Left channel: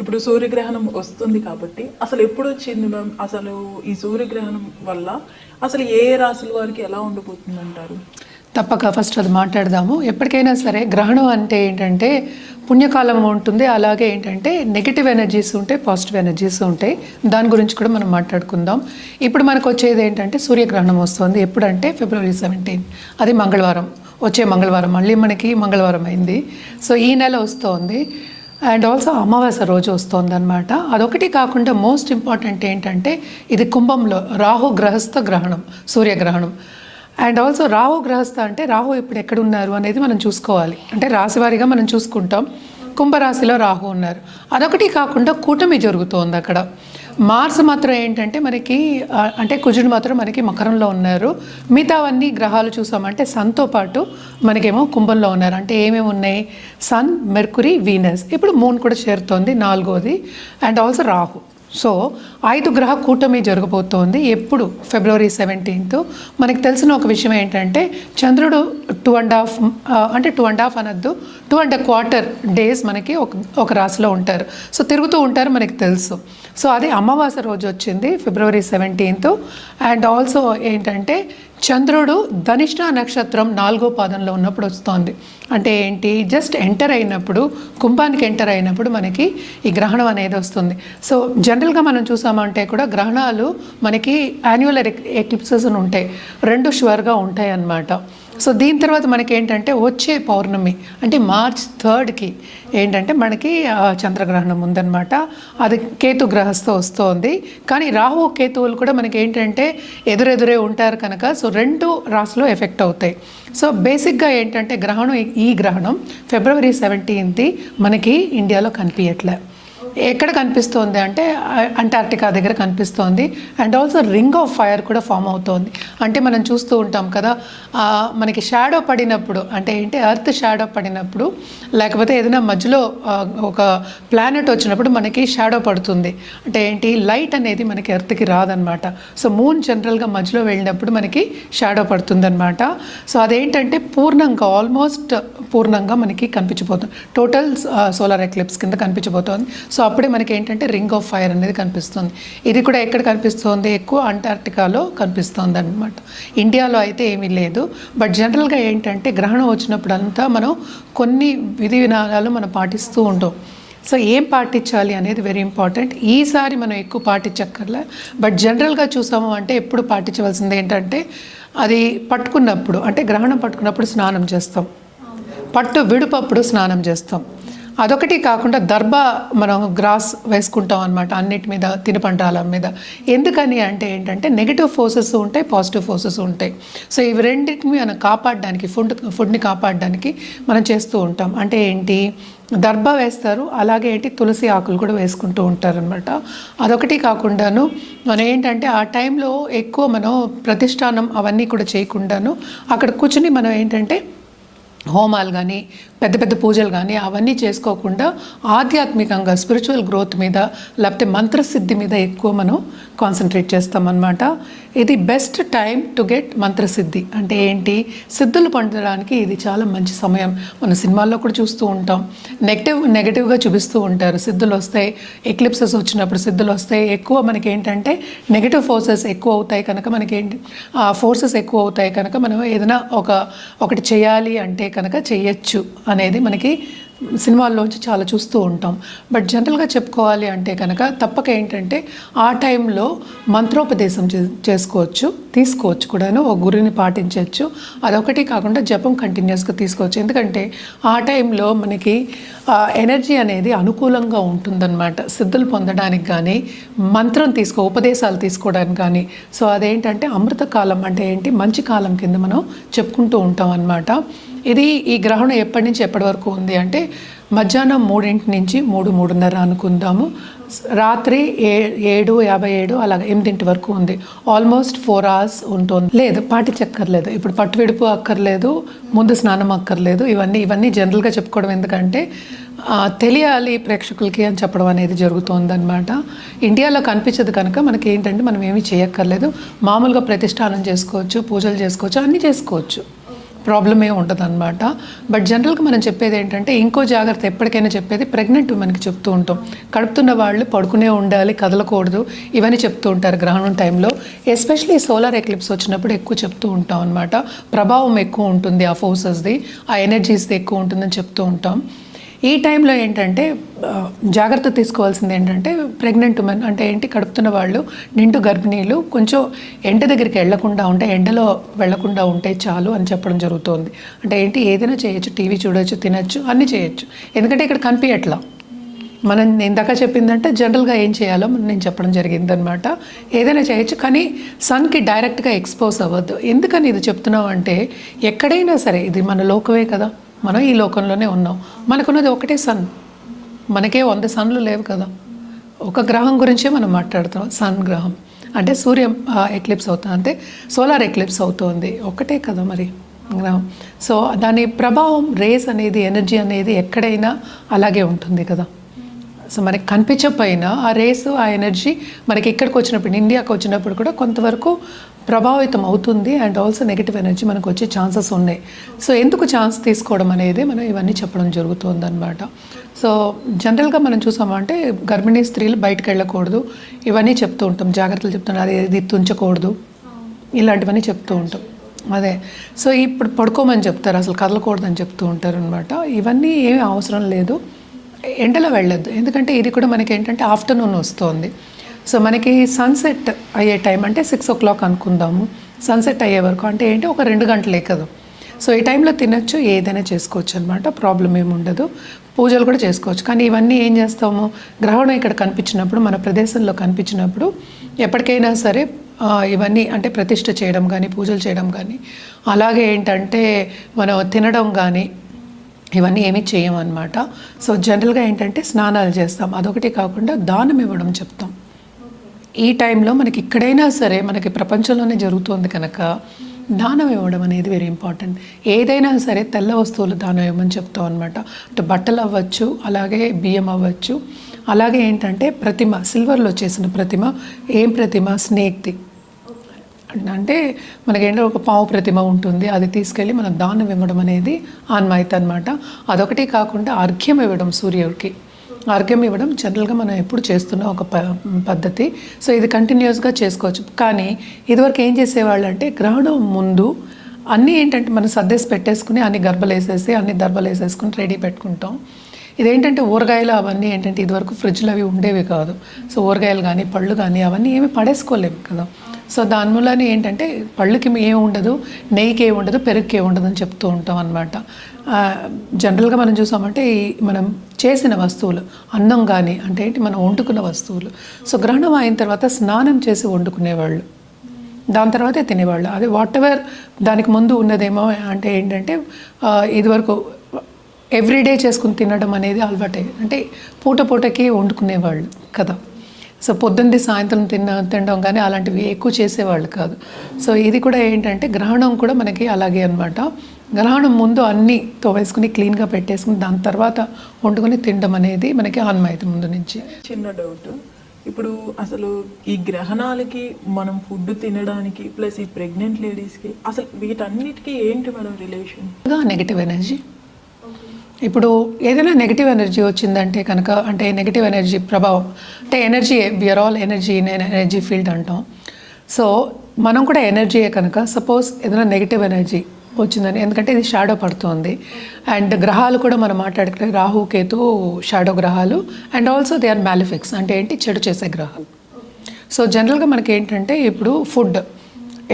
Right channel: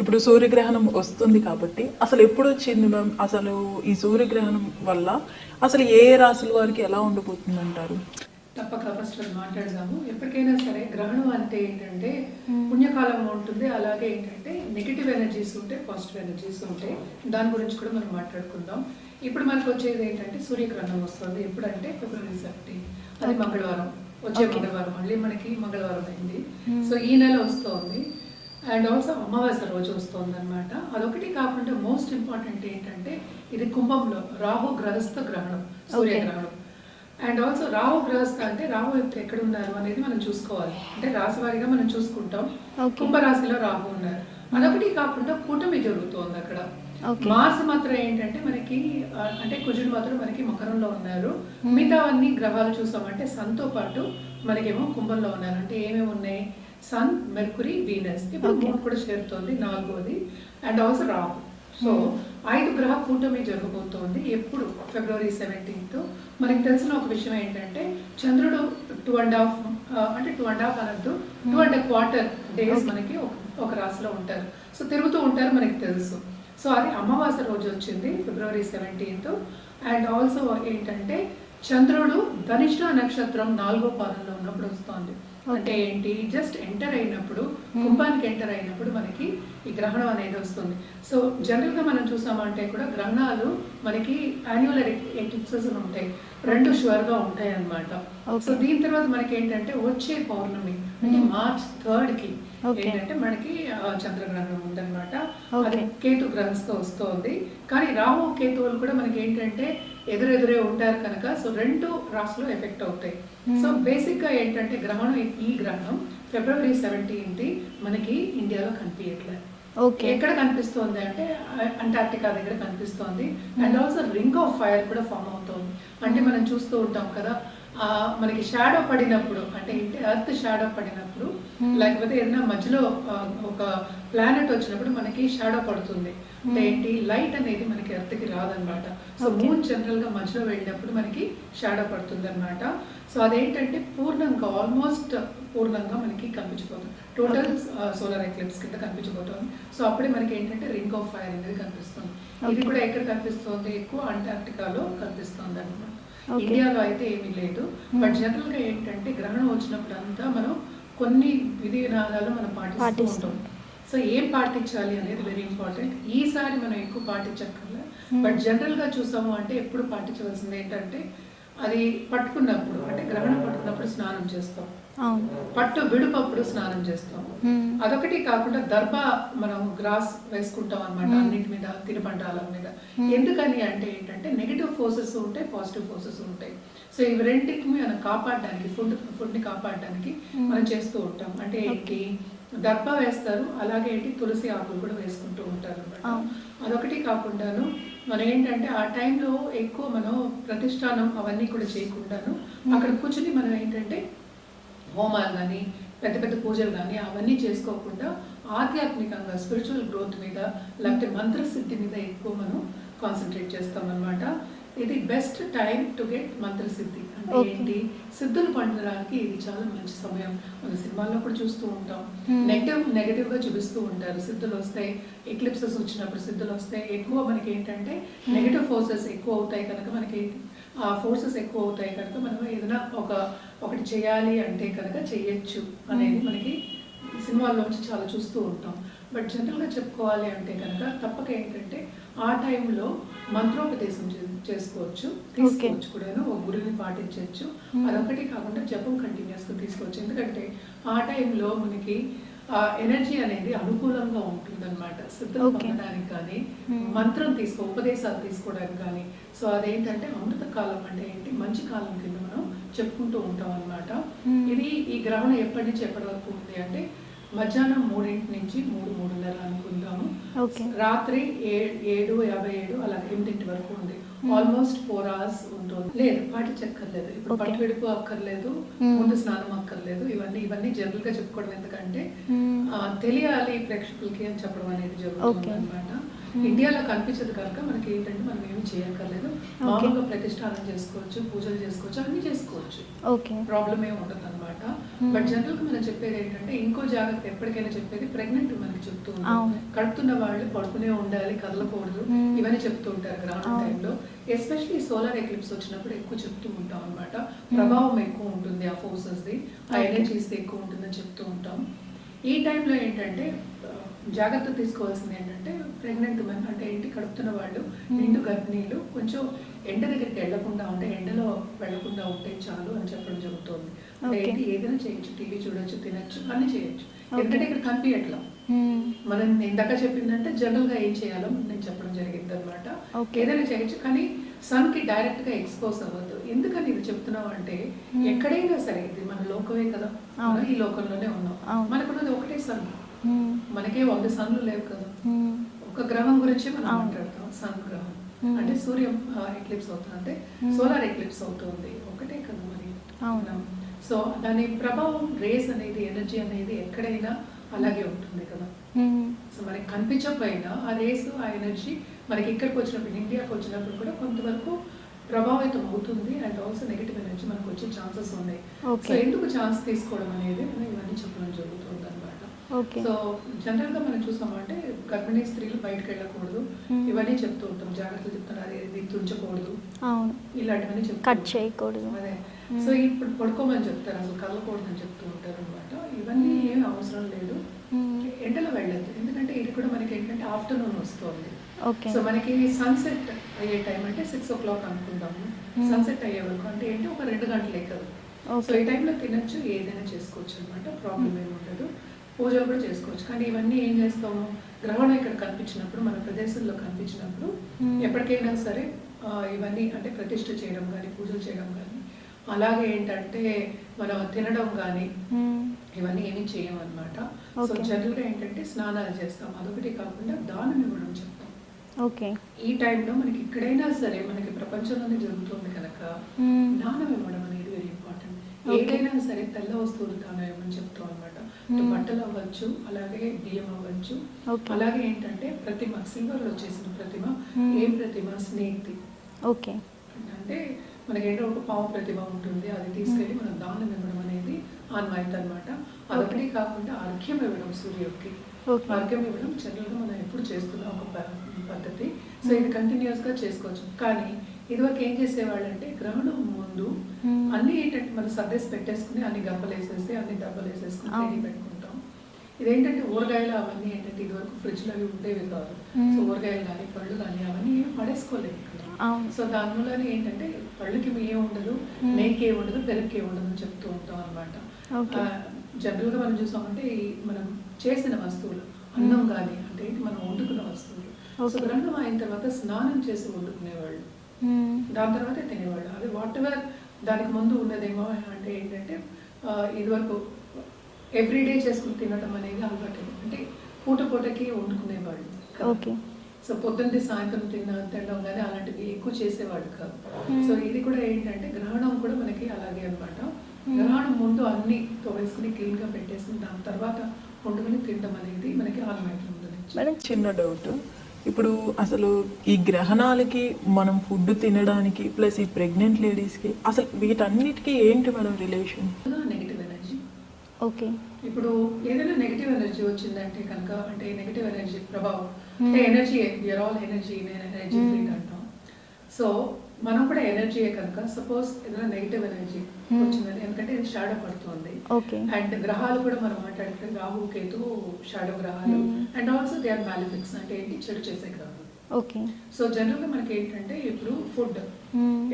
ఇప్పుడు సూర్యగ్రహణం వస్తుంది కాబట్టి అసలు ఎప్పుడు వచ్చింది మ్యామ్? అసలు ఈ సూర్యగ్రహణం వల్ల అసలు ఏ రాశుల వారికి ఎలా ఉండబోతుంది అంటారు? తప్పక ఫస్ట్ అది మాట్లాడదాము. ఎప్పటికైనా సరే గ్రహణం అంటే ఏంటంటే పుణ్యకాలం ఉంటుంది, అలాగే ఏంటంటే నెగిటివ్ ఎనర్జీస్ ఉంటాయి, పాజిటివ్ ఎనర్జీస్ ఉంటాయి. దాని గురించి కూడా మనం మాట్లాడుకుందాం. ఇప్పుడు మనకు వచ్చేది ఏంటంటే సూర్యగ్రహణం వస్తుంది. ఎప్పుడంటే February 17, అది మంగళవారం, వచ్చే మంగళవారం. మళ్ళీ మనకి మంగళవారం అయింది. సో ఈ నెల వస్తుంది. అండ్ ఆల్సో అమావాస్య రోజు వస్తుంది అనమాట. అదొకటి కాకుండా మోస్ట్ ఇంపార్టెంట్ ఏంటంటే ఇది కుంభంలో రాహు గ్రహస్థ గ్రహణం, సూర్యగ్రహణం. అండ్ ఆల్సో రాహు గ్రహస్థ అంటే రాహు ఇప్పుడు ఎక్కడున్నారు అనేది మనం చూసుకోవాలి. అంటే రాశివారీగా మనం చూసుకుంటాం. కుంభరాశిలో రాహు ఉన్నారు. అదొకటి కాకుండా కూటమి జరుగుతోంది అక్కడ. మార్స్ మాత్రం ఏంటంటే మనకి అంటే కుజుడు మాత్రం మనకి మకరంలో ఉన్నారు. మిగతావన్నీ గ్రహాలు చూసామంటే సన్తో పాటు మనకేమో కుంభంలో ఉన్నారు. అంటే ఏమేమి ఉన్నాయి? Sun, mercury, venus. ఇప్పుడు మూన్ కూడా చేరుతోంది, 4వది. And also Rahu. సో 5 గ్రహ కూటమి జరగబోతోంది. ఎప్పుడు? February 17. మనకి తెలిసిన ఒక విషయం ఏంటంటే చంద్రుడు 2.5 అంటే 2.5 అనద్దు, 2.25 డేస్ మనకి ఒక రాశిలో ఉంటారు. సో తిరుగుతూ ఉంటారు, మనకి తెలుసు. సో అది అమావాస్య రోజు వచ్చింది February 17. అండ్ ఆల్సో ఏంటంటే చంద్రుడు ధనిష్ట నక్షత్రం 4వ పాదంలో ఉన్నప్పుడు వస్తుంది. అంటే ఏంటి? జస్ట్ ఎంటర్ అయినప్పుడు, కుంభానికి ఎంటర్ అయినప్పుడు మనకి ఈ గ్రహణం అనేది వస్తుంది. సో జనరల్గా మనం చూసామంటే కూడా గ్రహణాలు మనకి యాన్యువల్ ఎక్లిప్సెస్ ఉంటాయి, 2 షువర్గా ఉంటాయి అన్నమాట. సో దీని తర్వాత మనకి ఏంటంటే వచ్చే పౌర్ణమి అంటే March 3కి ఏంటంటే మనకి చంద్రగ్రహణం ఉందన్నమాట. అది కేతు గ్రహస్థ వస్తుంది. కానీ రాహు కేతువులు కూడా మనకి ఏంటంటే ఎదురెదురే ఉంటారు కనుక సో 2 రాశులు ఎఫెక్ట్ అవుతాయి. సో బేసిక్గా ఏంటంటే గ్రహణం, ఈ గ్రహణం February 17 మనకి ఇండియాలో కనిపించట్లే. ఎక్కడ కనిపిస్తోంది అంటే అంటార్క్టికా దగ్గర కనిపిస్తోంది. And also ring of fire కూడా ఫామ్ అవుతోంది. అంటే మనం చూస్తూ ఉంటాం కదా, మనకి షాడో పడినప్పుడు అంటే ఏంటి, ఎర్త్ షాడో పడినప్పుడు లేకపోతే ఏదైనా మధ్యలో ఒక ప్లానెట్ వచ్చినప్పుడు మనకి షాడో పడుతుంది. అంటే ఏంటి, లైట్ అనేది మనకి ఎర్త్కి రాదనమాట. సో మూన్ జనరల్గా మధ్యలో వెళ్ళినప్పుడు మనకి షాడో పడుతుందన్నమాట. సో అదేంటంటే పూర్ణంగా, ఆల్మోస్ట్ పూర్ణంగా మనకి కనిపించబోతుంది. టోటల్ సోలార్ ఎక్లిప్స్ కింద కనిపించబోతోంది. సో అప్పుడే మనకి ఏంటంటే రింగ్ ఆఫ్ ఫైర్ అనేది కనిపిస్తుంది. ఇది కూడా ఎక్కడ కనిపిస్తుంది? ఎక్కువ అంటార్క్టికాలో కనిపిస్తుంది అనమాట. ఇండియాలో అయితే ఏమీ లేదు. బట్ జనరల్గా ఏంటంటే గ్రహణం వచ్చినప్పుడు అంతా మనం కొన్ని విధి విధానాలు మనం పాటిస్తూ ఉంటాం. సో ఏం పాటించాలి అనేది వెరీ ఇంపార్టెంట్. ఈసారి మనం ఎక్కువ పాటించక్కర్లే. బట్ జనరల్గా చూసాము అంటే ఎప్పుడు పాటించవలసింది ఏంటంటే అది పట్టుకున్నప్పుడు, అంటే గ్రహణం పట్టుకున్నప్పుడు స్నానం చేస్తాం, పట్టు విడుపప్పుడు స్నానం చేస్తాం. అదొకటి కాకుండా దర్భ మనం గ్రాస్ వేసుకుంటాం అనమాట అన్నిటి మీద, తినుబండాల మీద. ఎందుకని అంటే ఏంటంటే నెగిటివ్ ఫోర్సెస్ ఉంటాయి, పాజిటివ్ ఫోర్సెస్ ఉంటాయి. సో ఇవి రెండింటిని మనం కాపాడడానికి, ఫుడ్ని కాపాడడానికి మనం చేస్తూ ఉంటాం. అంటే ఏంటి, దర్భ వేస్తారు, అలాగే ఏంటి తులసి ఆకులు కూడా వేసుకుంటూ ఉంటారనమాట. అదొకటి కాకుండాను మనం ఏంటంటే ఆ టైంలో ఎక్కువ మనం ప్రతిష్టానం అవన్నీ కూడా చేయకుండాను అక్కడ కూర్చుని మనం ఏంటంటే హోమాలు కానీ పెద్ద పెద్ద పూజలు కానీ అవన్నీ చేసుకోకుండా ఆధ్యాత్మికంగా స్పిరిచువల్ గ్రోత్ మీద లేకపోతే మంత్రసిద్ధి మీద ఎక్కువ మనం కాన్సన్ట్రేట్ చేస్తామన్నమాట. ఇది బెస్ట్ టైం టు గెట్ మంత్రసిద్ధి. అంటే ఏంటి, సిద్ధులు పొందడానికి ఇది చాలా మంచి సమయం. మన సినిమాల్లో కూడా చూస్తూ ఉంటాం, నెగటివ్గా చూపిస్తూ ఉంటారు. సిద్ధులు వస్తాయి, ఎక్లిప్సెస్ వచ్చినప్పుడు సిద్ధులు వస్తాయి. ఎక్కువ మనకి ఏంటంటే నెగటివ్ ఫోర్సెస్ ఎక్కువ అవుతాయి కనుక మనకేంటి, ఆ ఫోర్సెస్ ఎక్కువ అవుతాయి కనుక మనం ఏదైనా ఒకటి చేయాలి అంటే కనుక చెయ్యొచ్చు అనేది మనకి సినిమాల్లోంచి చాలా చూస్తూ ఉంటాం. బట్ జనరల్గా చెప్పుకోవాలి అంటే కనుక తప్పక ఏంటంటే ఆ టైంలో మంత్రోపదేశం చేసుకోవచ్చు, తీసుకోవచ్చు కూడాను, ఒక గురిని పాటించవచ్చు. అదొకటి కాకుండా జపం కంటిన్యూస్గా తీసుకోవచ్చు. ఎందుకంటే ఆ టైంలో మనకి ఎనర్జీ అనేది అనుకూలంగా ఉంటుందన్నమాట సిద్ధులు పొందడానికి కానీ, మంత్రం ఉపదేశాలు తీసుకోవడానికి కానీ. సో అదేంటంటే అమృతకాలం, అంటే ఏంటి, మంచి కాలం కింద మనం చెప్పుకుంటూ ఉంటాం అన్నమాట. ఇది ఈ గ్రహణం ఎప్పటి నుంచి ఎప్పటి వరకు ఉంది అంటే మధ్యాహ్నం 3 నుంచి 3:30 అనుకుందాము. రాత్రి 7:57 అలాగే 8 వరకు ఉంది. ఆల్మోస్ట్ 4 hours ఉంటుంది. లేదు, పాటించక్కర్లేదు. ఇప్పుడు పట్టు విడుపు అక్కర్లేదు, ముందు స్నానం అక్కర్లేదు. ఇవన్నీ జనరల్గా చెప్పుకోవడం ఎందుకంటే తెలియాలి ప్రేక్షకులకి అని చెప్పడం అనేది జరుగుతుంది అనమాట. ఇండియాలో కనిపించదు కనుక మనకి ఏంటంటే మనం ఏమీ చేయక్కర్లేదు. మామూలుగా ప్రతిష్టానం చేసుకోవచ్చు, పూజలు చేసుకోవచ్చు, అన్నీ చేసుకోవచ్చు, ప్రాబ్లం ఏమి ఉండదు అనమాట. బట్ జనరల్గా మనం చెప్పేది ఏంటంటే ఇంకో జాగ్రత్త జాగ్రత్త ఎప్పటికైనా చెప్పేది ప్రెగ్నెంట్ ఉమెన్కి చెప్తూ ఉంటాం. కడుపుతున్న వాళ్ళు పడుకునే ఉండాలి, కదలకూడదు, ఇవన్నీ చెప్తూ ఉంటారు గ్రహణం టైంలో. ఎస్పెషలీ సోలార్ ఎక్లిప్స్ వచ్చినప్పుడు ఎక్కువ చెప్తూ ఉంటాం అనమాట. ప్రభావం ఎక్కువ ఉంటుంది, ఆ ఫోర్సెస్ది, ఆ ఎనర్జీస్ది ఎక్కువ ఉంటుందని చెప్తూ ఉంటాం. ఈ టైంలో ఏంటంటే జాగ్రత్త తీసుకోవాల్సింది ఏంటంటే ప్రెగ్నెంట్ ఉమెన్ అంటే ఏంటి, కడుపుతున్న వాళ్ళు, నిండు గర్భిణీలు కొంచెం ఎండ దగ్గరికి వెళ్లకుండా ఉంటే, ఎండలో వెళ్లకుండా ఉంటే చాలు అని చెప్పడం జరుగుతుంది. అంటే ఏంటి, ఏదైనా చేయొచ్చు, టీవీ చూడొచ్చు, తినచ్చు, అన్నీ చేయొచ్చు. ఎందుకంటే ఇక్కడ కనిపించట్లా. మనం ఇందాక చెప్పిందంటే జనరల్గా ఏం చేయాలో నేను చెప్పడం జరిగింది అనమాట. ఏదైనా చేయొచ్చు, కానీ సన్కి డైరెక్ట్గా ఎక్స్పోజ్ అవ్వద్దు. ఎందుకని ఇది చెప్తున్నాం అంటే, ఎక్కడైనా సరే ఇది మన లోకమే కదా, మనం ఈ లోకంలోనే ఉన్నాం. మనకున్నది ఒకటే సన్, మనకే 100 సన్లు లేవు కదా. ఒక గ్రహం గురించే మనం మాట్లాడుతాం, సన్ గ్రహం. అంటే సూర్య ఎక్లిప్స్ అవుతుంది, అంటే సోలార్ ఎక్లిప్స్ అవుతుంది, ఒకటే కదా మరి గ్రహం. సో దాని ప్రభావం, రేస్ అనేది, ఎనర్జీ అనేది ఎక్కడైనా అలాగే ఉంటుంది కదా. సో మనకి కనిపించకపోయినా ఆ రేస్, ఆ ఎనర్జీ మనకి ఇక్కడికి వచ్చినప్పుడు, ఇండియాకి వచ్చినప్పుడు కూడా కొంతవరకు ప్రభావితం అవుతుంది. అండ్ ఆల్సో నెగిటివ్ ఎనర్జీ మనకు వచ్చే ఛాన్సెస్ ఉన్నాయి. సో ఎందుకు ఛాన్స్ తీసుకోవడం అనేది మనం ఇవన్నీ చెప్పడం జరుగుతుంది అనమాట. సో జనరల్గా మనం చూసామంటే గర్భిణీ స్త్రీలు బయటకు వెళ్ళకూడదు, ఇవన్నీ చెప్తూ ఉంటాం, జాగ్రత్తలు చెప్తున్నాం. అది ఇది తుంచకూడదు, ఇలాంటివన్నీ చెప్తూ ఉంటాం. అదే, సో ఇప్పుడు పడుకోమని చెప్తారు, అసలు కదలకూడదు అని చెప్తూ ఉంటారు అనమాట. ఇవన్నీ ఏమీ అవసరం లేదు, ఎండలో వెళ్ళొద్దు. ఎందుకంటే ఇది కూడా మనకి ఏంటంటే ఆఫ్టర్నూన్ వస్తుంది. సో మనకి సన్సెట్ అయ్యే టైం అంటే 6 o'clock అనుకుందాము. సన్సెట్ అయ్యే వరకు అంటే ఏంటి, ఒక 2 గంటలే కదా. సో ఈ టైంలో తినచ్చు, ఏదైనా చేసుకోవచ్చు అనమాట, ప్రాబ్లం ఏమి ఉండదు. పూజలు కూడా చేసుకోవచ్చు. కానీ ఇవన్నీ ఏం చేస్తాము, గ్రహణం ఇక్కడ కనిపించినప్పుడు, మన ప్రదేశంలో కనిపించినప్పుడు ఎప్పటికైనా సరే ఇవన్నీ అంటే ప్రతిష్ఠ చేయడం కానీ, పూజలు చేయడం కానీ, అలాగే ఏంటంటే మనం తినడం కానీ ఇవన్నీ ఏమీ చేయమన్నమాట. సో జనరల్గా ఏంటంటే స్నానాలు చేస్తాం, అదొకటి కాకుండా దానం ఇవ్వడం చెప్తాం. ఈ టైంలో మనకి ఇక్కడైనా సరే, మనకి ప్రపంచంలోనే జరుగుతుంది కనుక దానం ఇవ్వడం అనేది వెరీ ఇంపార్టెంట్. ఏదైనా సరే తెల్ల వస్తువులు దానం ఇవ్వమని చెప్తాం అనమాట. అంటే బట్టలు అవ్వచ్చు, అలాగే బియ్యం అవ్వచ్చు, అలాగే ఏంటంటే ప్రతిమ, సిల్వర్లో చేసిన ప్రతిమ. ఏం ప్రతిమ, స్నేక్ది. అంటే మనకేంటో ఒక పావు ప్రతిమ ఉంటుంది, అది తీసుకెళ్ళి మనం దానం ఇవ్వడం అనేది ఆన్మాయితీ అనమాట. అదొకటి కాకుండా అర్ఘ్యం ఇవ్వడం, సూర్యుడికి అర్ఘ్యం ఇవ్వడం జనరల్గా మనం ఎప్పుడు చేస్తున్న ఒక పద్ధతి. సో ఇది కంటిన్యూస్గా చేసుకోవచ్చు. కానీ ఇదివరకు ఏం చేసేవాళ్ళు అంటే, గ్రహణం ముందు అన్నీ ఏంటంటే మనం సర్దేసి పెట్టేసుకుని, అన్ని గర్భలు వేసేసి, అన్ని దర్భలు వేసేసుకుని రెడీ పెట్టుకుంటాం. ఇదేంటంటే ఊరగాయలు అవన్నీ ఏంటంటే ఇదివరకు ఫ్రిడ్జ్లో అవి ఉండేవి కాదు. సో ఊరగాయలు కానీ, పళ్ళు కానీ అవన్నీ ఏమి పడేసుకోలేము కదా. సో దాని మూలనే ఏంటంటే పళ్ళుకి ఏమి ఉండదు, నెయ్యికి ఏమి ఉండదు, పెరుగుకి ఏమి ఉండదు అని చెప్తూ ఉంటాం అనమాట. జనరల్గా మనం చూసామంటే మనం చేసిన వస్తువులు, అన్నం కానీ అంటే ఏంటి, మనం వండుకున్న వస్తువులు. సో గ్రహణం అయిన తర్వాత స్నానం చేసి వండుకునేవాళ్ళు, దాని తర్వాతే తినేవాళ్ళు. అది వాట్ ఎవర్ దానికి ముందు ఉన్నదేమో అంటే ఏంటంటే ఇదివరకు ఎవ్రీడే చేసుకుని తినడం అనేది అలవాటే. అంటే పూటకి వండుకునేవాళ్ళు కదా. సో పొద్దున్నది సాయంత్రం తినడం కానీ అలాంటివి ఎక్కువ చేసేవాళ్ళు కాదు. సో ఇది కూడా ఏంటంటే గ్రహణం కూడా మనకి అలాగే అనమాట. గ్రహణం ముందు అన్నీ తోవేసుకుని క్లీన్గా పెట్టేసుకుని దాని తర్వాత వండుకొని తినడం అనేది మనకి ఆన్మాయితీ ముందు నుంచి. చిన్న డౌట్, ఇప్పుడు అసలు ఈ గ్రహణాలకి మనం ఫుడ్ తినడానికి ప్లస్ ఈ ప్రెగ్నెంట్ లేడీస్కి అసలు వీటన్నిటికీ ఏంటి మేడం రిలేషన్? Negative energy. ఇప్పుడు ఏదైనా నెగిటివ్ ఎనర్జీ వచ్చిందంటే కనుక, అంటే నెగిటివ్ ఎనర్జీ ప్రభావం అంటే energy, we are all energy, energy field అంటాం. సో మనం కూడా ఎనర్జీయే కనుక, సపోజ్ ఏదైనా నెగిటివ్ ఎనర్జీ వచ్చిందని, ఎందుకంటే ఇది షాడో పడుతుంది. అండ్ గ్రహాలు కూడా మనం మాట్లాడుకుంటే రాహు, కేతు షాడో గ్రహాలు. And also they are malefics, అంటే ఏంటి, చెడు చేసే గ్రహాలు. సో జనరల్గా మనకి ఏంటంటే ఇప్పుడు ఫుడ్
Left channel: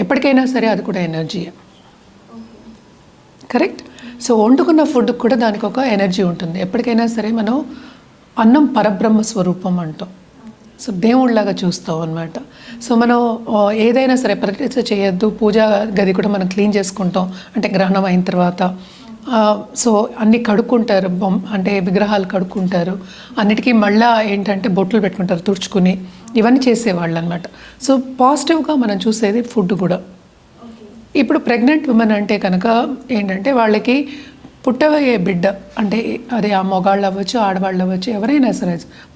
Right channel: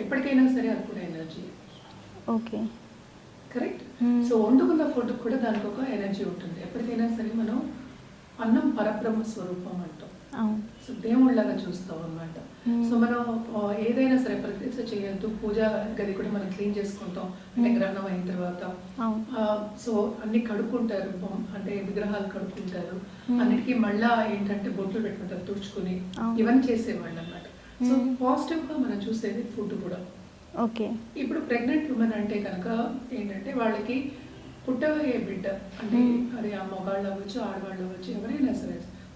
ఎప్పటికైనా సరే అది కూడా ఎనర్జీయే, కరెక్ట్. సో వండుకున్న ఫుడ్ కూడా దానికి ఒక ఎనర్జీ ఉంటుంది. ఎప్పటికైనా సరే మనం అన్నం పరబ్రహ్మ స్వరూపం అంటాం. సో దేవుళ్ళలాగా చూస్తాం అనమాట. సో మనం ఏదైనా సరే ప్రతిష్ఠ చేయొద్దు, పూజా గది కూడా మనం క్లీన్ చేసుకుంటాం అంటే గ్రహణం అయిన తర్వాత. సో అన్నీ కడుక్కుంటారు, అంటే విగ్రహాలు కడుక్కుంటారు, అన్నిటికీ మళ్ళీ ఏంటంటే బొట్లు పెట్టుకుంటారు తుడుచుకుని, ఇవన్నీ చేసేవాళ్ళు అనమాట. సో పాజిటివ్గా మనం చూసేది ఫుడ్ కూడా. ఇప్పుడు ప్రెగ్నెంట్ ఉమెన్ అంటే కనుక ఏంటంటే వాళ్ళకి పుట్టబోయే బిడ్డ అంటే అది ఆ మొగాళ్ళు అవ్వచ్చు, ఆడవాళ్ళు అవ్వచ్చు, ఎవరైనా సరే,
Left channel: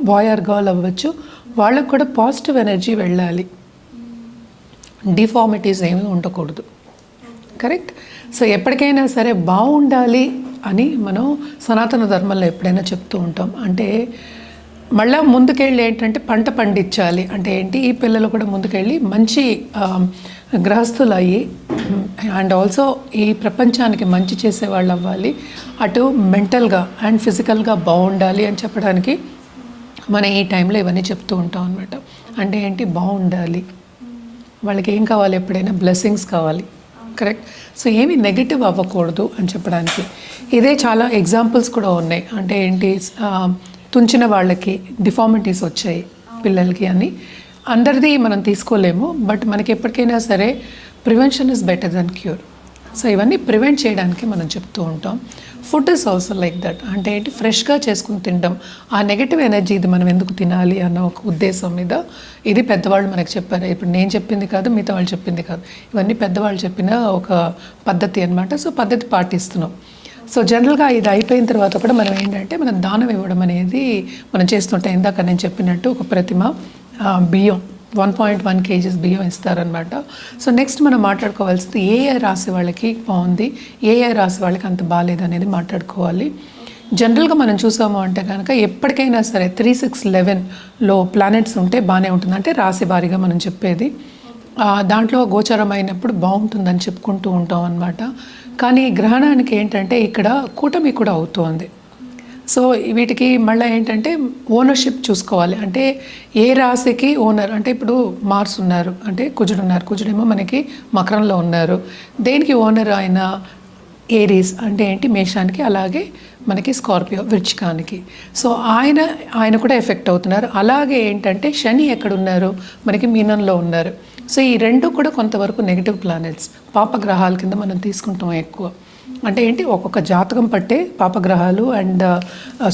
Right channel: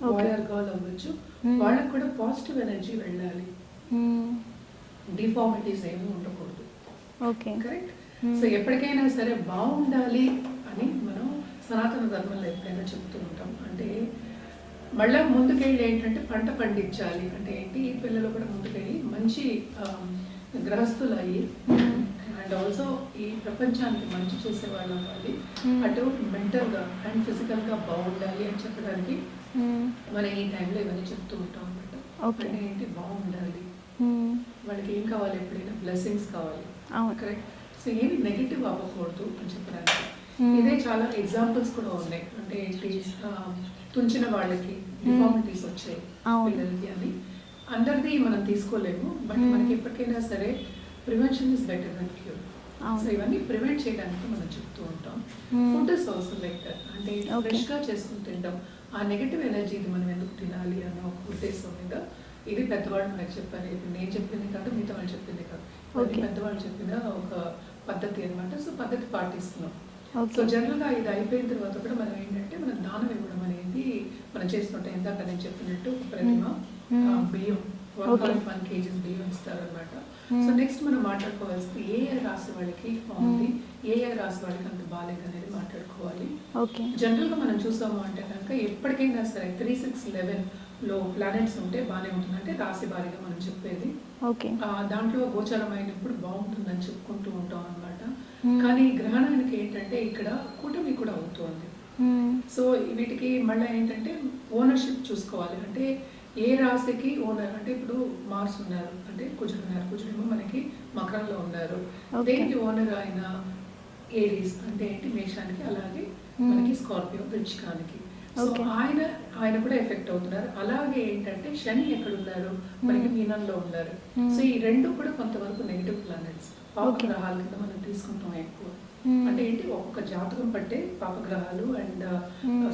బాయ్ ఆర్ గర్ల్ అవ్వచ్చు, వాళ్ళకు కూడా పాజిటివ్ ఎనర్జీ వెళ్ళాలి, డిఫార్మిటీస్ ఏమీ ఉండకూడదు. ఓకే. కరెక్ట్. సో ఎప్పటికైనా సరే బాగుండాలి అని మనం సనాతన ధర్మంలో ఎప్పుడైనా చెప్తూ ఉంటాం. అంటే మళ్ళీ ముందుకెళ్ళి ఏంటంటే పంట పండించాలి అంటే ఏంటి, ఈ పిల్లలు కూడా ముందుకెళ్ళి మంచి గృహస్థులు అయ్యి అండ్ ఆల్సో ఈ ప్రపంచానికి మంచి చేసేవాళ్ళు అవ్వాలి, అటు మెంటల్గా అండ్ ఫిజికల్గా బాగుండాలి అని చెప్పడానికి మనం ఈ టైంలో ఇవన్నీ చెప్తూ ఉంటాం అనమాట. అంటే ఏంటి, బాగుండాలి, వాళ్ళకి ఏం కావాలి, ఎప్పుడైనా బ్లెస్సింగ్స్ కావాలి. కరెక్ట్. సో ఏమి నెగిటివ్ అవ్వకూడదు అని చెప్పడానికి ఇదే చాలా ఎగ్జాంపుల్స్ కూడా ఉన్నాయి. అంటే ఏంటి, తుంచిన వాళ్ళకి డిఫార్మిటీస్ వచ్చాయి పిల్లలకి అని అందరిది మనం తీసుకోలేము, బట్ మనకి ఎప్పటికైనా సరే prevention is better then cure. So ఇవన్నీ ప్రివెంట్ చేయడానికి మనం చెప్తూ ఉంటాం. Food is also like that. అంటే ఏంటి, ఫ్రెష్గా చేసుకుని తినడం, ఆ నెగటివ్ ఎనర్జీ ఇది మనం ఎందుకు తినాలి అన్న ఒక ఉద్దేశం మీద ఇది పెద్దవాళ్ళు మనకు చెప్పారు. ఇప్పుడు నేను చెప్పింది కాదు, మిగతా వాళ్ళు చెప్పింది కాదు, ఇవన్నీ పెద్దవాళ్ళు చెప్పిన ఒక పద్ధతి అనమాట. సో పద్ధతి పాటిస్తున్నాం. సో జనరల్గా ఇది అయిపోయిన తర్వాత కూడా మనం ఏంటంటే మనం దానం ఇవ్వడం అనేది మనం చేస్తుంటాం. ఇందాక నేను చెప్పినట్టు ఒక ప్రతిమ బియ్యం 1.1 kgs బియ్యం ఇస్తారనమాట. సో నెక్స్ట్ మనం మాట్లాడుకోవాల్సింది ఏ రాశి వాళ్ళకి బాగుంది, ఏ రాశి వాళ్ళకి అంత బాగాలేదు అనేది మాట్లాడుకోవాలి. జనరల్గా మనం చూసాము అంటే కనుక ఎప్పటికైనా సరే 3, 6, 11లో ప్లానెట్స్ ఉంటే బాగానే ఉంటుంది. అంటే రాశి వారీగా మనం చెప్పేది దాంట్లో గోచరం అయినప్పుడు బాగుంటుందని చెప్పుకుంటూ ఉంటాం అనమాట. కానీ గ్రహణానికి ఏంటంటే ఇక్కడ కూటమి కూడా అవుతోంది. సో వీటికి మళ్ళీ ఏంటంటే ఓనర్షిప్ చూసుకోవాలి. అంటే ఏ రాశికి ఓనర్, అంటే ఇప్పుడు మార్స్ ఉన్నారు, అంటే కుజుడు ఉన్నారు, కుజుడేమో మనకి మకరంలో ఉన్నారు. దేనికి ఓనర్ ఆయన ఏరీస్ అంటే ఏంటి, మేషానికి, అలాగే మనకి స్కార్పియో వృచ్చికానికి. సో ఆయన కూడా ఎఫెక్ట్ అవుతున్నారు. అలాగే ఏంటంటే శని ఎక్కడున్నారు, మనకి మీనంలో ఉన్నారు. సో ఈ రెండు కూడా కొంతవరకు నెగిటివ్ ప్లానెట్స్, పాపగ్రహాల కింద మనం తీసుకుంటాం ఎక్కువ. అంటే ఏంటి, ఒక్కొక్క జాతకం పట్టే పాపగ్రహాలు అండ్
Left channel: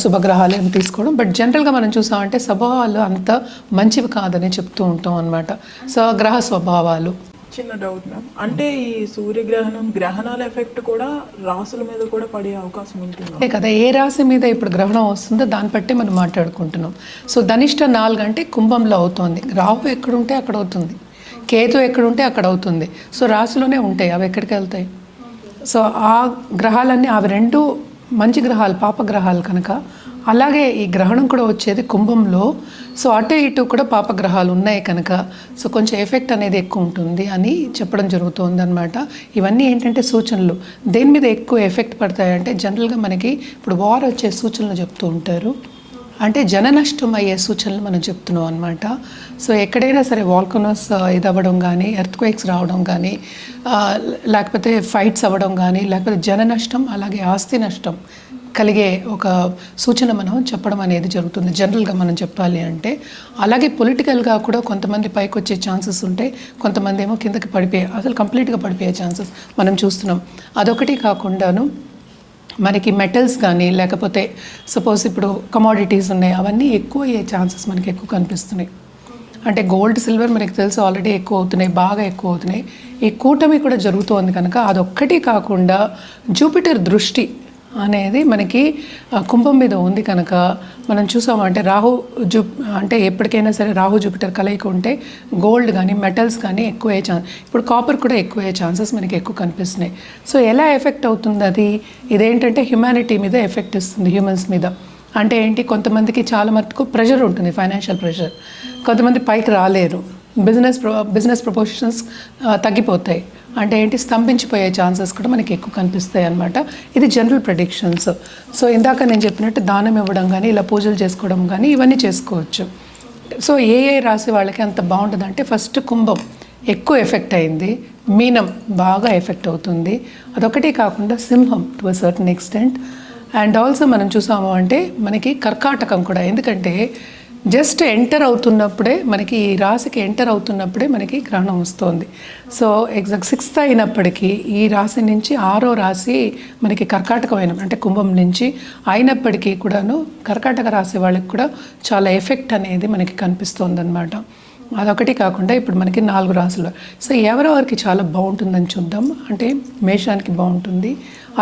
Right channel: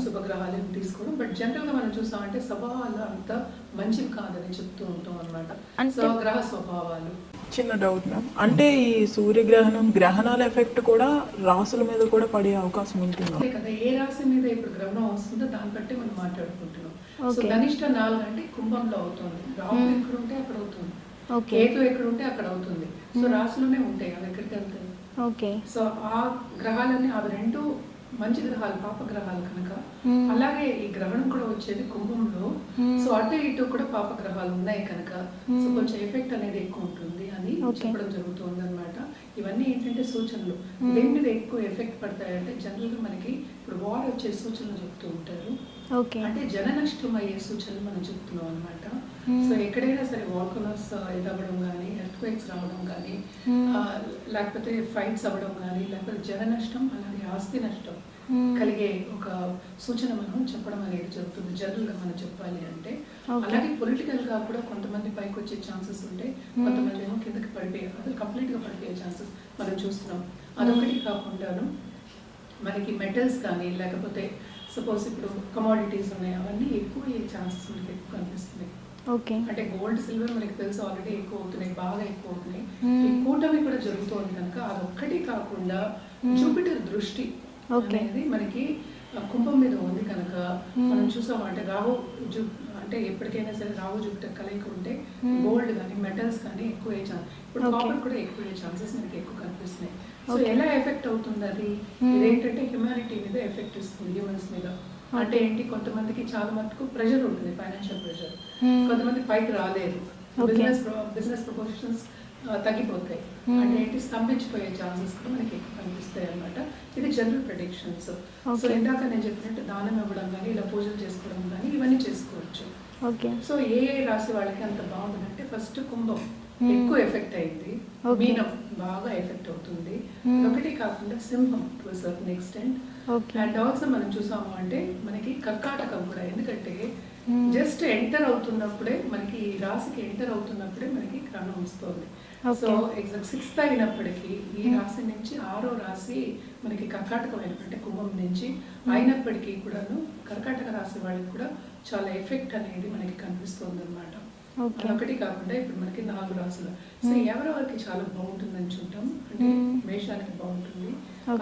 శుభగ్రహాలు అని తీసుకోవడం. బట్ జనరల్గా మనం చూసామంటే స్వభావాలు అంత మంచివి కాదని చెప్తూ ఉంటాం అనమాట. సో గ్రహ స్వభావాలు. చిన్న డౌట్ మ్యామ్, అంటే ఈ సూర్యగ్రహణం గ్రహణాల ఎఫెక్ట్ కూడా రాసుల మీద కూడా పడే అవకాశం ఉంటుంది అంతే కదా. ఏ రాశి మీద ఇప్పుడు గ్రహణం వస్తుందో దాన్ని బట్టి మనం మాట్లాడుకుంటున్నాం. సో ధనిష్ట 4 అంటే కుంభంలో అవుతుంది, రాహు ఎక్కడుంటే అక్కడ అవుతుంది, కేతు ఎక్కడుంటే అక్కడ అవుతుంది. సో రాశిలోనే ఉంటాయి, అవి ఎక్కడికి వెళ్తాయి. సో ఆ గ్రహాలన్నీ అవి రెండు మంచి గ్రహాలు, పాపగ్రహాలు కనుక. అలాగే ఈ గ్రహణం కూడా వచ్చేది కుంభంలో. సో అటు ఇటు కూడా పాపగ్రహాలు ఉన్నాయి కనుక సో కొంచెం ఎఫెక్ట్ అనేది ఎక్కువ ఉంటుంది అని చెప్పడం జరుగుతుంది అనమాట. ఇవన్నీ ఏంటంటే సూచనలు. దేని మీద ఎక్కువ ఎఫెక్ట్ పడతాయంటే జనరల్గా మనకి ఇప్పుడు వార్ వచ్చే సూచనలు చెప్తూ ఉంటారు. అంటే జన నష్టం అయ్యే సూచనలు మనం చెప్తున్నాం అనమాట. సో ఎక్కడైనా సరే వాల్కనోస్ ఇది అవ్వడం కానీ, ఎర్త్క్వేక్స్ రావడం కానీ, లేకపోతే ఫైట్స్ అవ్వడం కానీ, లేకపోతే జన నష్టం అలాగే ఆస్తి నష్టం కలిగే ఒక సూచన మనం చెప్పడం అనేది జరుగుతుంది జనరల్గా మనం చెప్పాలి అంటే. అలాగే పొలిటికల్గా కూడా కొంతమంది పైకి వచ్చే ఛాన్సెస్ ఉంటాయి, కొంతమంది ఏమో కిందకి పడిపోయే, అసలు కంప్లీట్గా పడిపోయే ఛాన్సెస్ మనం చూస్తున్నాం. అదొకటి కాకుండాను మనకి మెటల్స్ కానీ, లేకపోతే సపోజ్ ఇప్పుడు కమోడిటీస్ ఉన్నాయి, అవన్నీ ఎక్కువ అయ్యే ఛాన్సెస్ మనకి ఎక్కువ కనిపిస్తున్నాయి. అంటే గోల్డ్, సిల్వర్ మనకి తెలుసు ఆల్రెడీ ఎక్కువ అవుతున్నాయి, బాగా ఎక్కువ అవుతున్నాయి. ఈ కూటమి కూడా జరుగుతోంది కనుక అదొక్కటి కాకుండా జూపిటర్ దృష్టి అనేది మనకి కుంభం మీద ఉంది కనుక మనం చూసామంటే అంటే ఎప్పటికైనా సరే రాహు జూపిటర్ కలయిక ఉంటే గోల్డ్ కానీ మెటల్స్ కానీ ఎక్కువ అయ్యే ఛాన్స్, ఇప్పుడు కాపర్ కూడా ఎక్కువ అయ్యే ఛాన్సెస్ మనకి ఎక్కువ కనిపిస్తున్నాయి. సో ఎలా ఎఫెక్ట్ అవుతుంది అది, ఇదేంటంటే హ్యుమానిటీ మీద ఎఫెక్ట్ ఇస్తుంది, హ్యూమన్స్ మీద. అంటే ఏంటి, కొంతమందికి చాలా మటుకు ప్రెషర్ ఉంటుంది, ఫైనాన్షియల్ ప్రెషర్, కొంతమంది పైకి రాలేరు, బిజినెస్ ప్రపోర్షన్స్ తగ్గిపోతాయి. అంటే ఏంటి, స్తంభించిపోయే ఛాన్సెస్ కూడా మనకి ఎక్కువ కనిపిస్తాయి అన్నమాట. ఇది జనరల్ ప్రెడిక్షన్స్. సో ఇందాక నేను చెప్పినట్టు దానం ఇవ్వడం కానీ, ఇలా పూజలు చేసుకోవడం కానీ ఇవన్నీ చేసుకోవచ్చు. సో ఏ రాశి వాళ్ళకి అంత బాగుంటుంది అంటే ఫస్ట్ కుంభం ఎక్కువ ఎఫెక్ట్ అయింది, మీనం బాగా ఎఫెక్ట్ అవుతుంది, అదొకటి కాకుండా సింహం to a certain extent. And also మనం చూసాము అంటే మనకి కర్కాటకం కూడా, ఎందుకంటే జస్ట్ ఎంటర్ అవుతున్నప్పుడే మనకి ఈ రాశికి ఎంటర్ అవుతున్నప్పుడే మనకి గ్రహణం వస్తుంది. సో ఎగ్జాక్ట్ 6th అయినప్పటికీ ఈ రాశి నుంచి 6వ రాశి మనకి కర్కాటకమైన అంటే కుంభం నుంచి అయినప్పటికీ కూడాను కర్కాటక రాశి వాళ్ళకి కూడా చాలా ఎఫెక్ట్ అనేది మనకి కనిపిస్తుంది అనమాట. అదొకటి కాకుండా ఇప్పుడు మనకి 4 రాశులు. సో ఎవరెవరికి చాలా బాగుంటుందని చూద్దాం. అంటే మేషానికి బాగుంటుంది,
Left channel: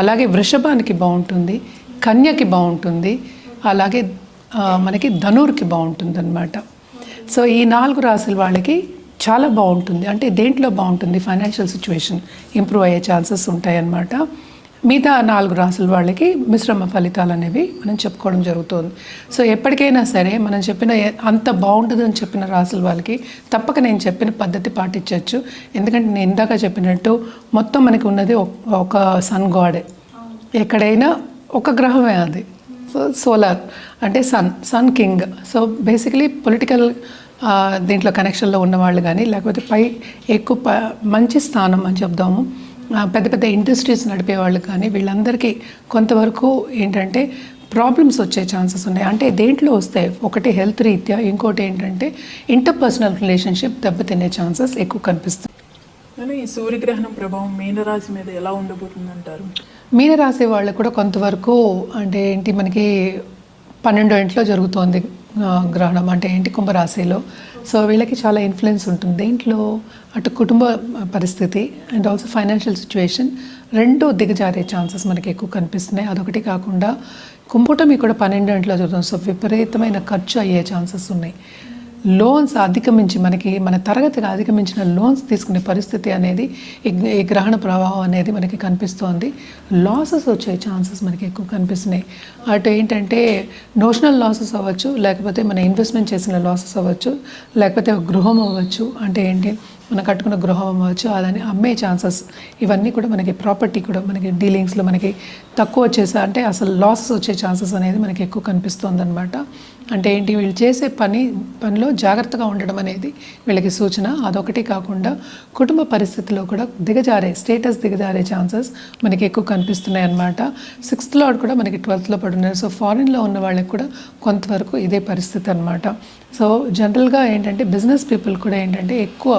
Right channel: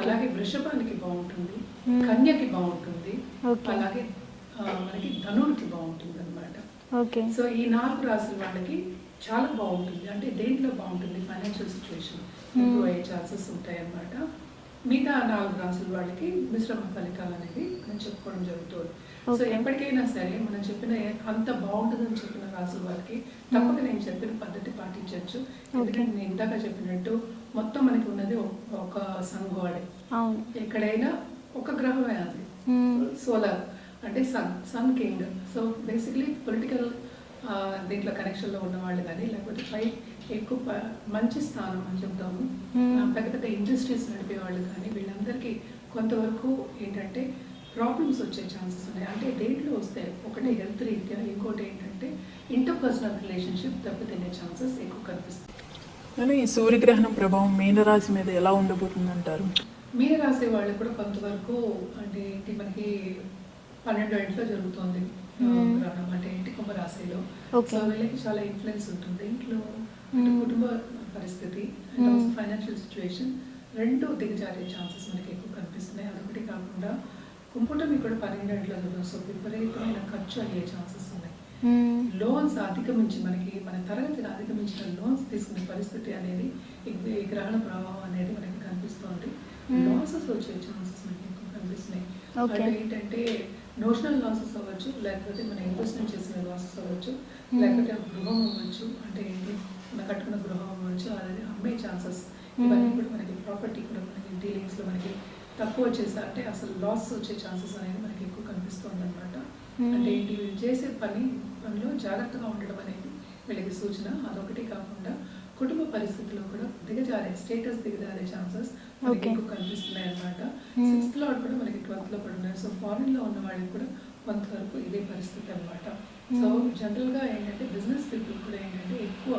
అలాగే వృషభానికి బాగుంటుంది, కన్యకి బాగుంటుంది, అలాగే మనకి ధనుర్కి బాగుంటుంది అనమాట. సో ఈ 4 రాశుల వాళ్ళకి చాలా బాగుంటుంది. అంటే దేంట్లో బాగుంటుంది, ఫైనాన్షియల్ సిచ్యువేషన్ ఇంప్రూవ్ అయ్యే ఛాన్సెస్ ఉంటాయన్నమాట. మిగతా 4 రాసుల వాళ్ళకి మిశ్రమ ఫలితాలు అనేవి మనం చెప్పుకోవడం జరుగుతుంది. సో ఎప్పటికైనా సరే మనం చెప్పిన అంత బాగుంటుందని చెప్పిన రాసుల వాళ్ళకి తప్పక నేను చెప్పిన పద్ధతి పాటించవచ్చు. ఎందుకంటే నేను ఇందాక చెప్పినట్టు మొత్తం మనకి ఉన్నది ఒక సన్ గాడే. ఎక్కడైనా ఒక గ్రహమే అది. సో సోలార్ అంటే sun king. So basically political దీంట్లో కనెక్షన్లో ఉన్నవాళ్ళు కానీ, లేకపోతే ఎక్కువ మంచి స్థానం అని చెప్దాము, పెద్ద పెద్ద ఇండస్ట్రీస్ నడిపే వాళ్ళు కానీ, వీళ్ళందరికీ కొంతవరకు ఏంటంటే ప్రాబ్లమ్స్ వచ్చే ఛాన్సెస్ ఉన్నాయి. అంటే దేంట్లో వస్తాయి, ఒకటి హెల్త్ రీత్యా, ఇంకోటి ఏంటంటే ఇంటర్పర్సనల్ రిలేషన్షిప్ దెబ్బతినే ఛాన్సెస్ ఎక్కువ కనిపిస్తుంది. కానీ ఈ సూర్యగ్రహణం ప్రభావం మీనరాశి మీద ఎలా ఉండబోతుంది అంటారు? మీనరాశి వాళ్ళకు కూడా కొంతవరకు అంటే ఏంటి, మనకి 12వ ఇంట్లో జరుగుతోంది గ్రహణం, అంటే ఏంటి కుంభరాశిలో. సో వీళ్ళకి చాలా ఇన్ఫ్లుయెన్స్ ఉంటుంది దేంట్లో, అటు కుటుంబ పరిస్థితి అండ్ ఆల్సో ఫైనాన్షియల్ సిచ్యువేషన్ రెండు దిగజారే ఛాన్సెస్ మనకి ఎక్కువ కనిపిస్తున్నాయి. అదొకటి కాకుండా కుంభటమి కూడా 12వ ఇంట్లో జరుగుతుంది. సో విపరీతమైన ఖర్చు అయ్యే ఛాన్సెస్ ఉన్నాయి. లోన్స్ అధిగమించి మన తరగతిగా అధిగమించిన లోన్స్ తీసుకునే పరిస్థితి అనేది ఈ గ్రహణ ప్రభావం అనేది మనకి కనిపిస్తోంది. లాసెస్ వచ్చే ఛాన్సెస్ మనకి ఎక్కువ కనిపిస్తున్నాయి. అటు ఏంటంటే నోషనల్ లాసెస్ అవ్వచ్చు, లేకపోతే మన ఇన్వెస్ట్మెంట్ చేసిన లాసెస్ అవ్వచ్చు, లేకపోతే గృహం అవ్వచ్చు, అంటే ఏంటి మనం కట్టుకున్న గృహం అవ్వచ్చు, అదని అమ్మే ఛాన్సెస్, ఇవన్నీ కూడా మనకి ప్రాపర్టీ కూడా మనకి డీలింగ్స్లో మనకి తక్కువ వచ్చేసా అంటే అసలు లాసెస్ వచ్చే ఛాన్సెస్ అనేది మనకి ఎక్కువ కనిపిస్తుంది అనమాట. అంటే ఏంటి, వీళ్ళు చేసే పనిలో జాగ్రత్తగా ఉండడం అనేది వీళ్ళకి సూచన. అదొకటి కాకుండా కుటుంబ పరిస్థితిలో కూడా స్టేటస్ దిగజారే ఛాన్సెస్ మనకి ఎక్కువ కనిపిస్తున్నాయి అనమాట. 6th లార్డ్ కూడా మనకి 12th లో పడున్నారు. సో ఫారిన్లో ఉన్న వాళ్ళకి కూడా కొంతవరకు ఇదే పరిస్థితి అనమాట. సో జనరల్గా ఏంటంటే బిజినెస్ పీపుల్ కూడా ఏంటంటే ఎక్కువ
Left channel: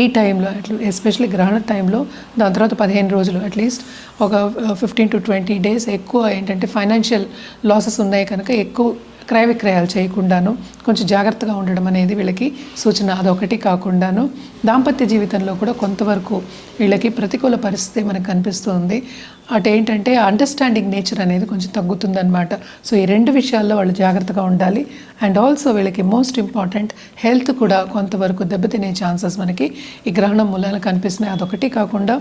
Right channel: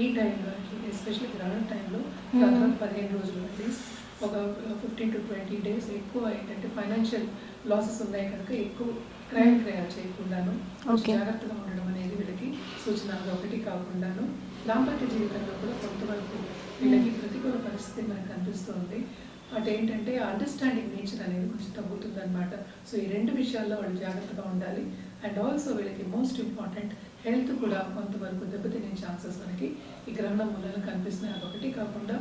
ఈ టైంలో ఎస్పెషల్లీ గ్రహణ టైంలో, దాని తర్వాత 15 రోజులు అట్లీస్ట్ ఒక 15 to 20 days ఎక్కువ ఏంటంటే ఫైనాన్షియల్ లాసెస్ ఉన్నాయి కనుక ఎక్కువ క్రయ విక్రయాలు చేయకుండాను కొంచెం జాగ్రత్తగా ఉండడం అనేది వీళ్ళకి సూచన. అదొకటి కాకుండాను దాంపత్య జీవితంలో కూడా కొంతవరకు వీళ్ళకి ప్రతికూల పరిస్థితి మనకు కనిపిస్తుంది. అటు ఏంటంటే అండర్స్టాండింగ్ నేచర్ అనేది కొంచెం తగ్గుతుందన్నమాట. సో ఈ 2 విషయాల్లో వాళ్ళు జాగ్రత్తగా ఉండాలి. అండ్ ఆల్సో వీళ్ళకి మోస్ట్ ఇంపార్టెంట్ హెల్త్ కూడా కొంతవరకు దెబ్బతినే ఛాన్సెస్ మనకి ఈ గ్రహణం మూలాన కనిపిస్తున్నాయి. అదొకటి కాకుండా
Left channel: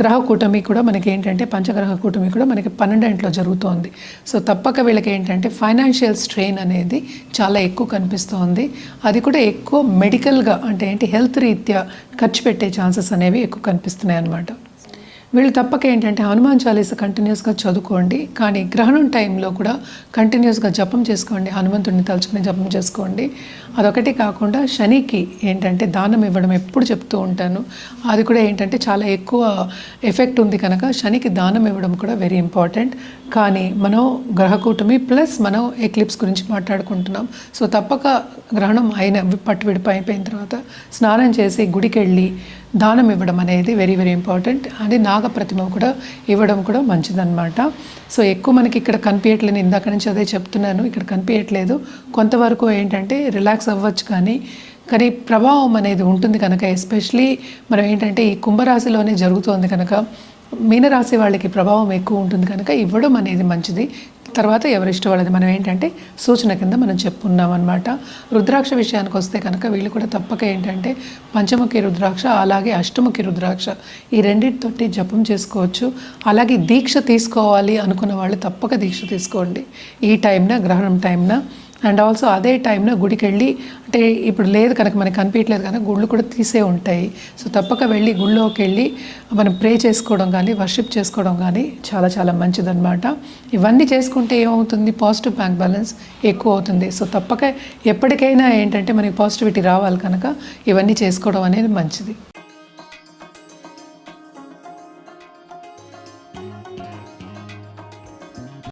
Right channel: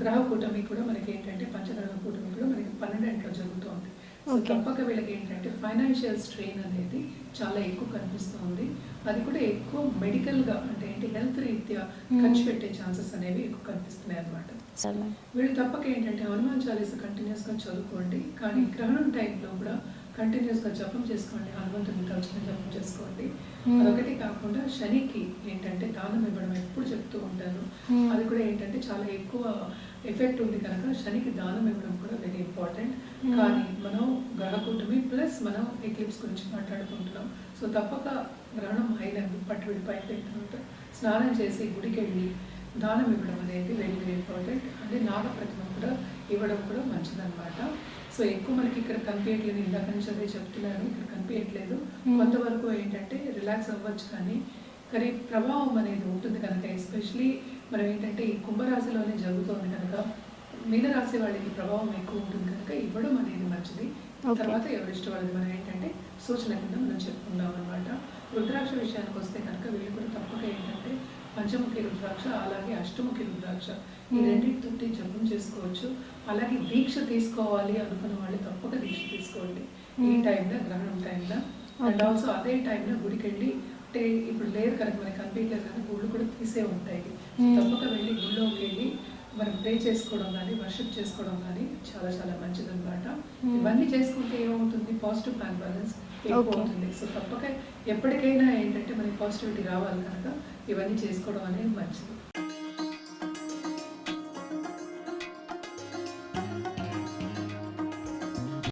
గ్రహ కూటమి కూడా మనకి ఏంటంటే పంచగ్రహ కూటమి కూడా మనకి 12వ ఇంట్లో జరుగుతోంది. సో తప్పక వీళ్ళకి ఏంటంటే ఫైనాన్షియల్ స్ట్రెయిన్ అనేది చాలా ఎక్కువ కనిపిస్తోంది. అది కూడా ఎక్కువ మెడికల్గా అంటే ఏంటి హెల్త్ రీత్యా ఖర్చు పెట్టే ఛాన్సెస్ అనేవి ఎక్కువ కనిపిస్తున్నాయి అన్నమాట. వీళ్ళు తప్పక ఏంటంటే హనుమాన్ చాలీసా కంటిన్యూస్గా చదువుకోండి. కానీ గ్రహణం టైంలో కూడా కంటిన్యూస్గా జపం చేసుకోండి, హనుమంతుడిని తలుచుకుని జపం చేసుకోండి. అదొకటి కాకుండా శనికి ఏంటంటే దానం ఇవ్వడం ఎప్పుడు చెప్తూ ఉంటాను. అది కూడా ఏంటంటే చాలా ఎక్కువ ఎఫెక్ట్ ఉంది కనుక శనికి దానం ఇవ్వడం కూడా వెరీ ఇంపార్టెంట్. కానీ మనం గ్రహకూటమి ప్లస్ మనం ఎక్లిప్స్ గురించి మాట్లాడుకుంటున్నాం. సో తప్పక గ్రహణం పట్టు విడిపోయిన తర్వాత స్నానం చేసి గుడికి వెళ్ళి దానం ఇవ్వడం అనేది వెరీ వెరీ ఇంపార్టెంట్. అది నాగ ప్రతిమ కూడా ఇవ్వడం కూడా మంచిదన్నమాట. సో ఎక్కువ మనకి ఇక్కడ కనిపించట్లేదు, ఇందాక నుంచి అదే చెప్తున్నాను, ఇక్కడ కనిపించట్లేదు. కొంతవరకు ఏంటంటే రిలాక్స్ అవ్వచ్చు, కానీ ప్రభావం అనేది ఉంటుంది కనుక ఎస్పెషలీ మనం ఏంటంటే ఈ కుంభరాశిలోనే జరుగుతోంది కనుక మీనరాశి వాళ్ళకి ప్రభావం ఎక్కువ ఉంటుంది కనుక ఇవ్వడం అనేది మంచిది. తర్వాత ఎవరిష్టం వాళ్ళది, మనం ఏంటంటే సూచన కింద మనం చెప్పుకున్నాం అనమాట. రుద్రాక్ష విషయానికి వస్తే కనుక వీళ్ళు కూడా తప్పక ఏంటంటే పంచముఖి రుద్రాక్ష అలాగే అష్టముఖి రుద్రాక్ష ఈ రెండింటితోటి జపం చేసుకోవచ్చు. అలాగే దీక్ష తీసుకోవాలి అనుకున్న వాళ్ళు తప్పక దీక్ష తీసుకోండి ఈ టైంన, గ్రహణం టైంన. అండ్ ఆల్సో అదే టైంలో గుడికి వెళ్ళి, అంటే ఇప్పుడు లేదు కనుక మనకి కనిపించట్లేదు కనుక గుళ్ళు కూడా తీసే ఉంటాయి. సో తప్పక వెళ్ళి గుళ్ళోకి వెళ్ళి మనం ప్రే చేసుకోవడం కానీ వర్షిప్ చేసుకోవడం కానీ చాలా చాలా మంచిదన్నమాట. ఇవన్నీ చేసుకుంటే ఏమవుతుంది, పాజిటివ్ బ్యాంక్ బ్యాలెన్స్ ఎక్కువ అవుతుంది. సో తప్పక ఎప్పటికైనా ఏంటంటే మనకి పాజిటివిటీ రావాలి కనుక ఇవన్నీ చేసుకోవడం అనేది మంచిది.